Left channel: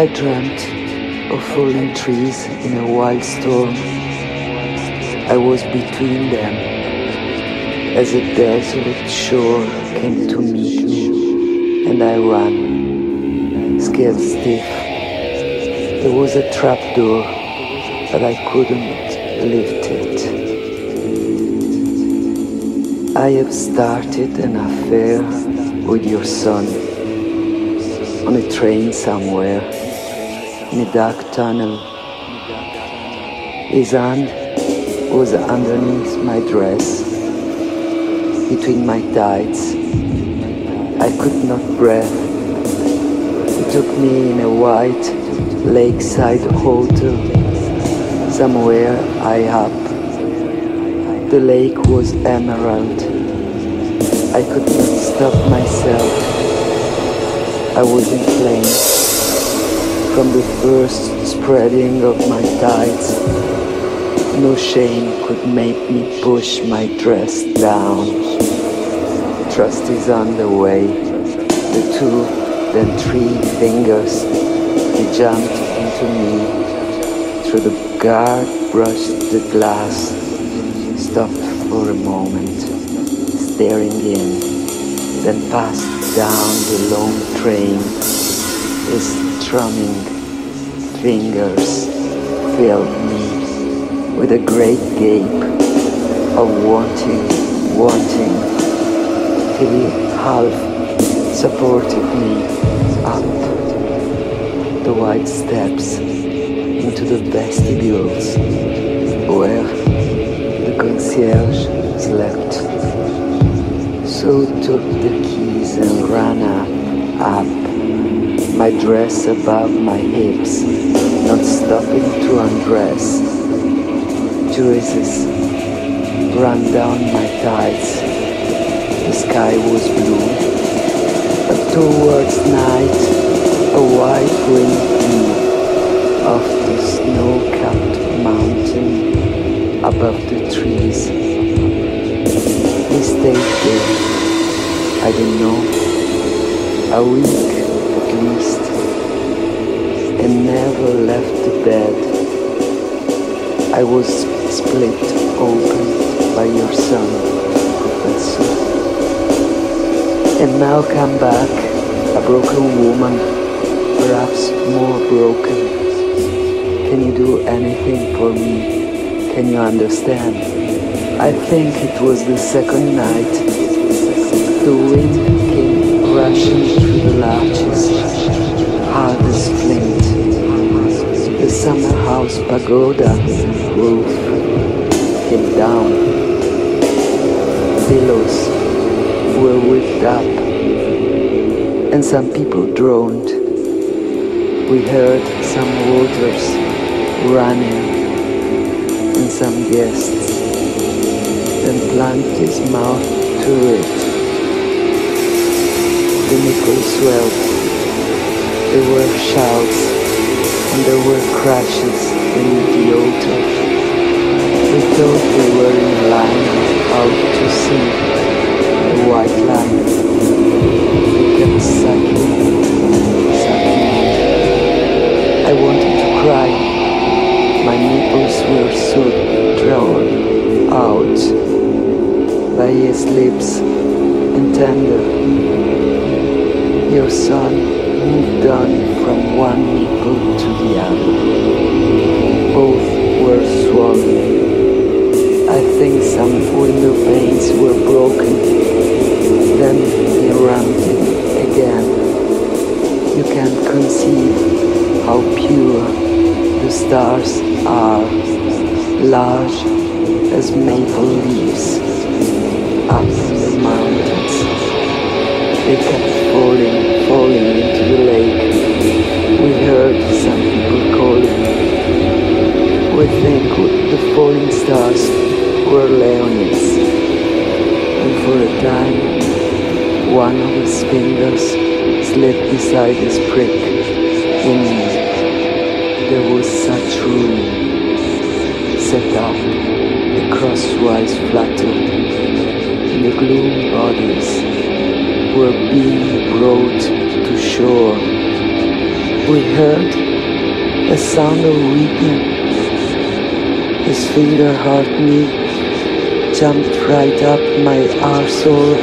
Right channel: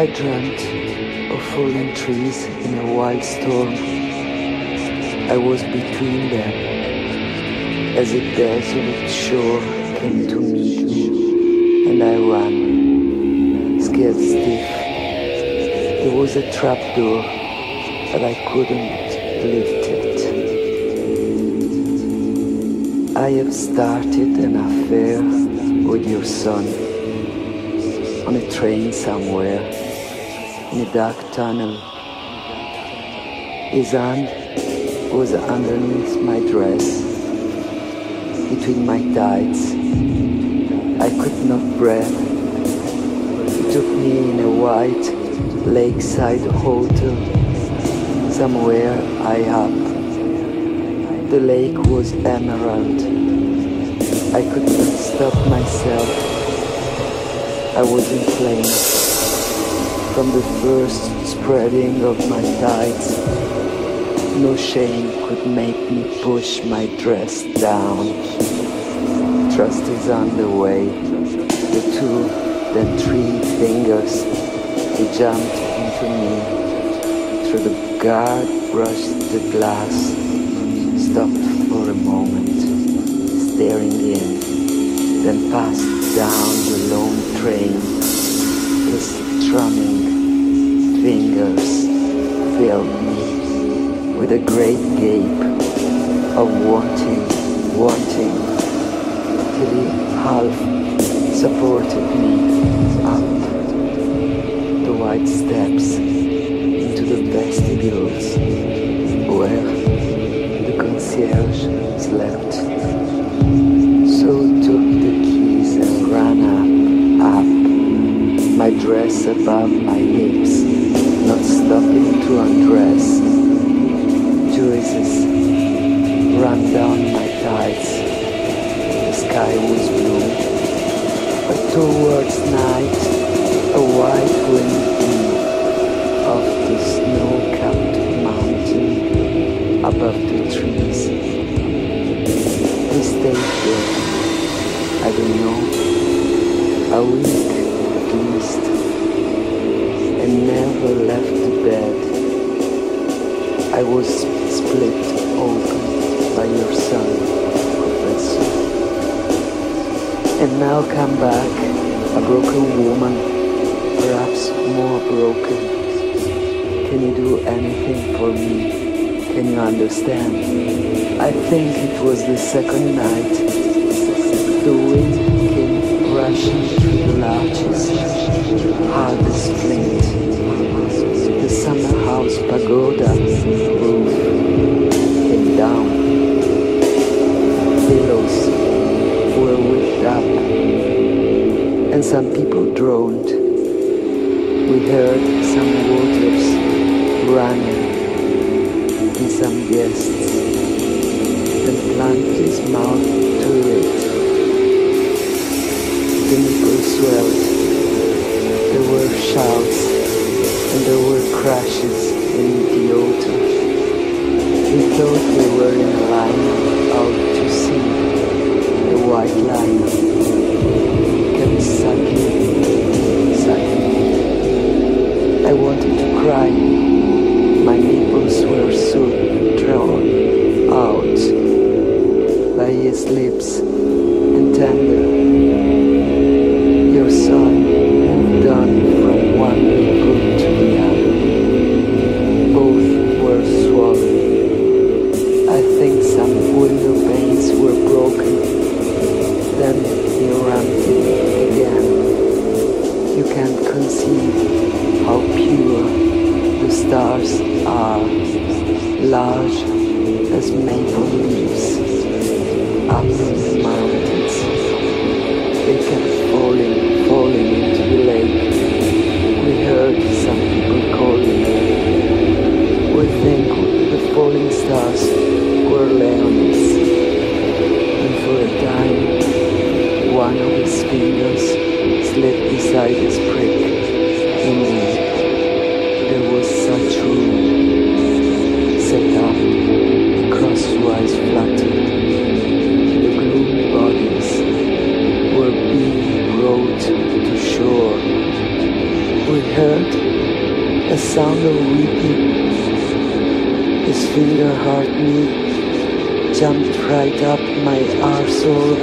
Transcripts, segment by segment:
I dreamt of falling trees in a wild storm. I was between them as a desolate shore came to meet me, and I ran, scared stiff. There was a trapdoor, but I couldn't lift it. I have started an affair with your son on a train somewhere, in a dark tunnel. His hand was underneath my dress, between my tights. I could not breathe. He took me in a white lakeside hotel, somewhere high up. The lake was emerald. I could not stop myself. I was in flames from the first spreading of my tights. No shame could make me push my dress down. Trust is on the way. The 2, then 3 fingers. He jumped into me. Through the guard brushed the glass. Stopped for a moment, staring in. Then passed down the long train. His strumming fingers filled me with a great gape of wanting, till he half supported me up the wide steps into the vestibules where the concierge slept. So took the keys and ran up, my dress above my hips, not stopping to undress. Juices ran down my thighs. The sky was blue, but towards night a white wind blew off the snow-capped mountain above the trees. We stayed there, I don't know, a week at least, and never left the bed. I was split open by your son, Professor. And now come back, a broken woman, perhaps more broken. Can you do anything for me? Can you understand? I think it was the second night. The wind came rushing through the larches, hard as flint. The summer house pagoda roof came down. Billows were whipped up, and some people droned. We heard some waters running, and some guests then plunged his mouth to it. The nipple swelled. There were shouts, and there were crashes in the altar. We thought we were in a liner out to sea, a white liner. He kept sucking me. I wanted to cry. My nipples were so drawn out by his lips and tender. Your son moved on from one nipple to the other. Both were swollen. I think some window panes were broken. Then he rammed it again. You can't conceive how pure the stars are, large as maple leaves, up in the mountains. They kept falling into the lake. We heard some people calling. We think the falling stars were Leonids, and for a time one of his fingers slid beside his prick in me. There was such room set up, the crosswise fluttered, and the gloom bodies were being brought to shore. We heard a sound of weeping. His finger hurt me, jumped right up my arsehole.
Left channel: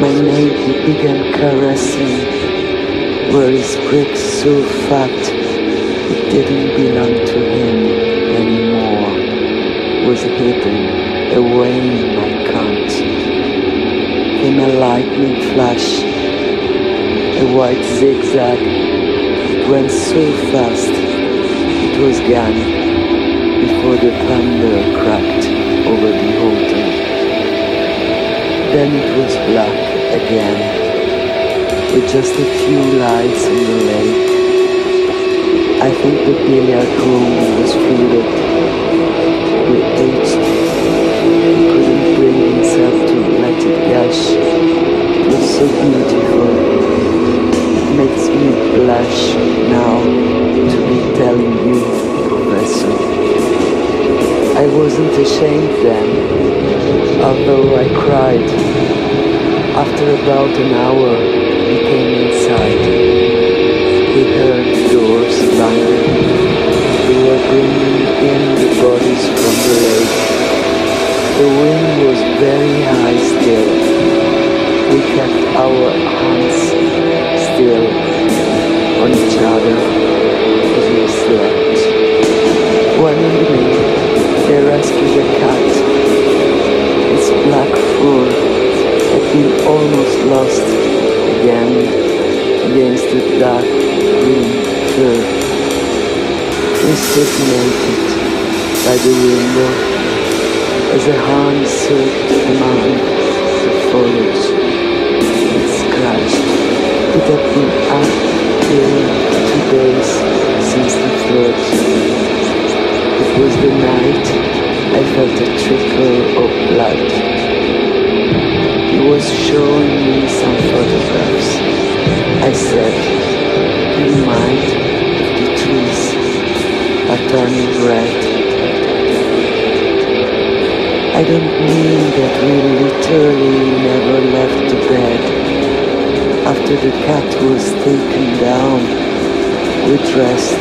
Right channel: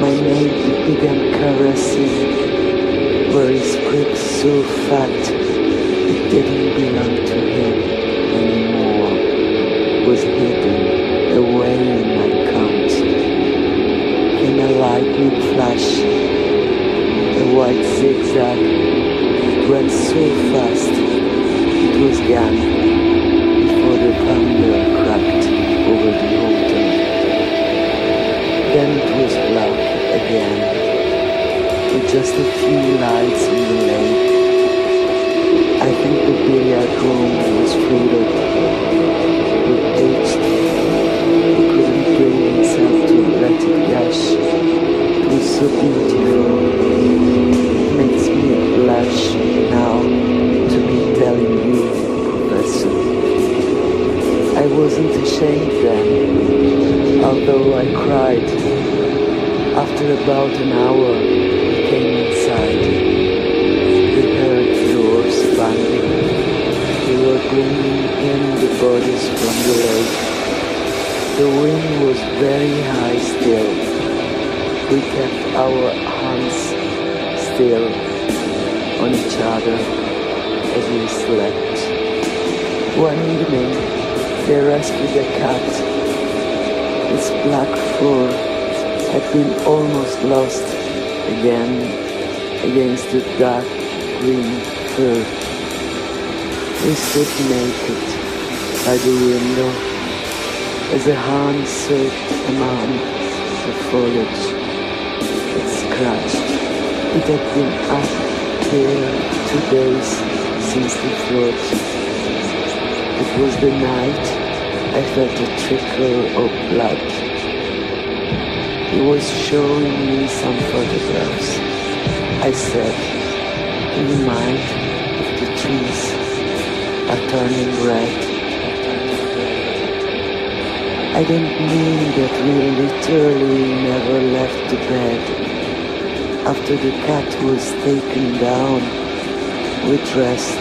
My nail began caressing where his prick so fat it didn't belong to him anymore, was hidden away in my cunt. Came a lightning flash, a white zigzag. It went so fast, it was gone before the thunder cracked over the hotel. Then it was black again, with just a few lights on the lake. I think the billiard room was flooded. We aged. He couldn't bring himself to let it gush. It was so beautiful. It makes me blush now to be telling you, Professor. I wasn't ashamed then, although I cried. After about an hour, we came inside. We heard doors banging. They were bringing in the bodies from the lake. The wind was very high still. We kept our hands still on each other as we slept. One evening, they rescued a cat. Its black fur had been almost lost again against the dark green fur. We stood naked by the window as a hand searched among the foliage. It scratched. It had been up there 2 days since the flood. It was the night I felt a trickle of blood. He was showing me some photographs. I said, "Do you mind if the trees are turning red?" I don't mean that we literally never left the bed. After the cat was taken down, we dressed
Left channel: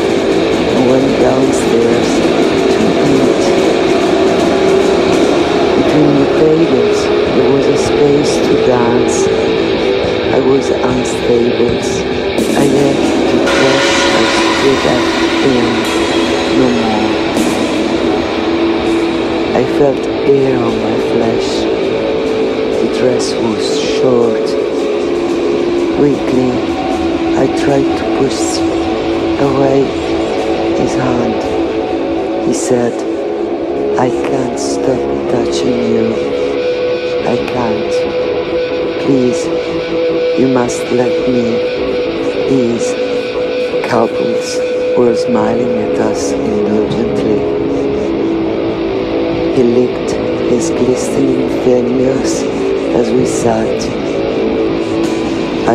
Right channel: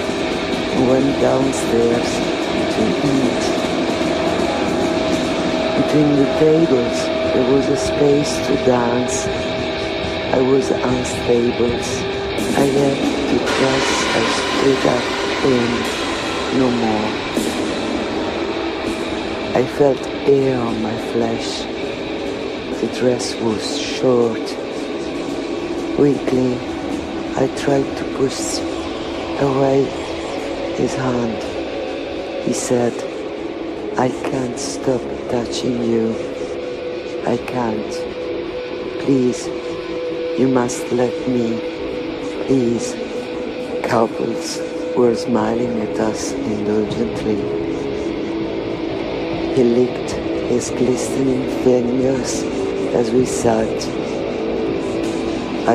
and went downstairs to eat. Between the tables, there was a space to dance. I was unstable. I had to dress I stood up in no more. I felt air on my flesh. The dress was short. Weakly, I tried to push away his hand. He said, "I can't stop touching you. I can't. Please, you must let me. Please." Couples were smiling at us indulgently. He licked his glistening fingers as we sat.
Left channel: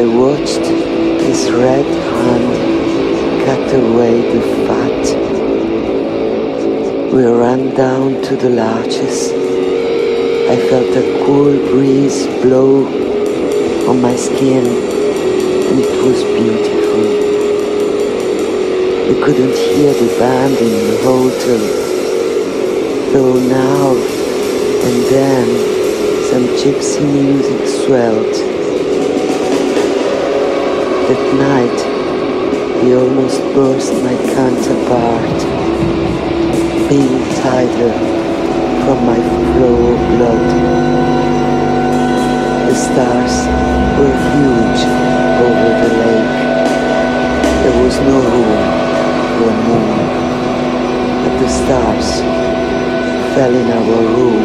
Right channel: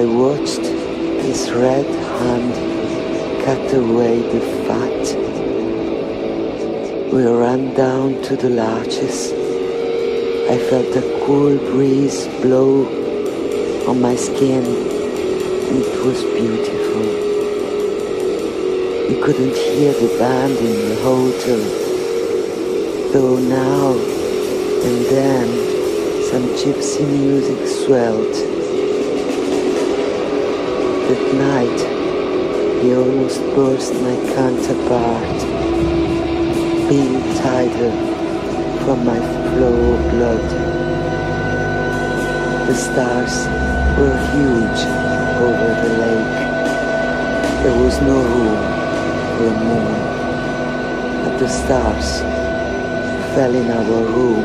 I watched his red hand cut away the fat. We ran down to the larches. I felt a cool breeze blow on my skin, and it was beautiful. We couldn't hear the band in the hotel, though now and then some gypsy music swelled. That night, he almost burst my cunt apart, being tighter from my flow of blood. The stars were huge over the lake. There was no room for a moon, but the stars fell in our room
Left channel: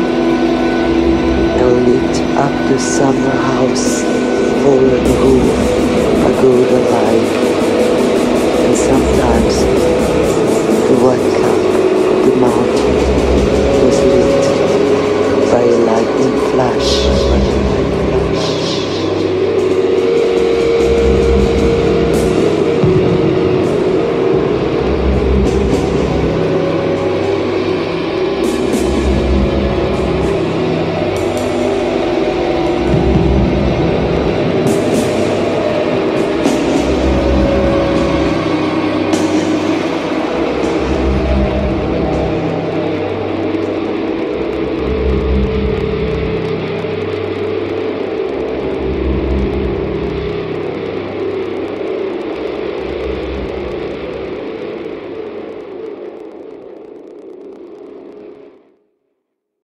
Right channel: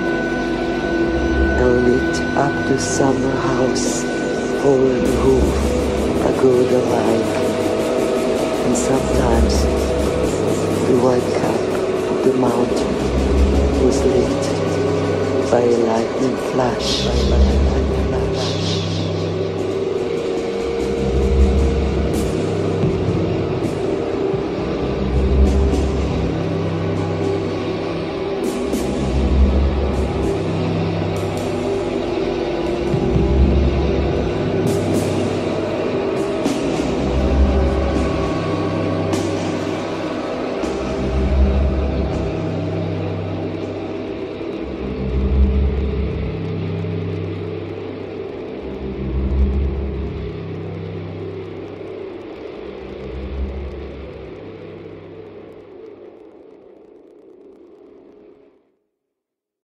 and lit up the summer house over the roof, pagoda-like, and sometimes the white cap of the mountain was lit by a lightning flash.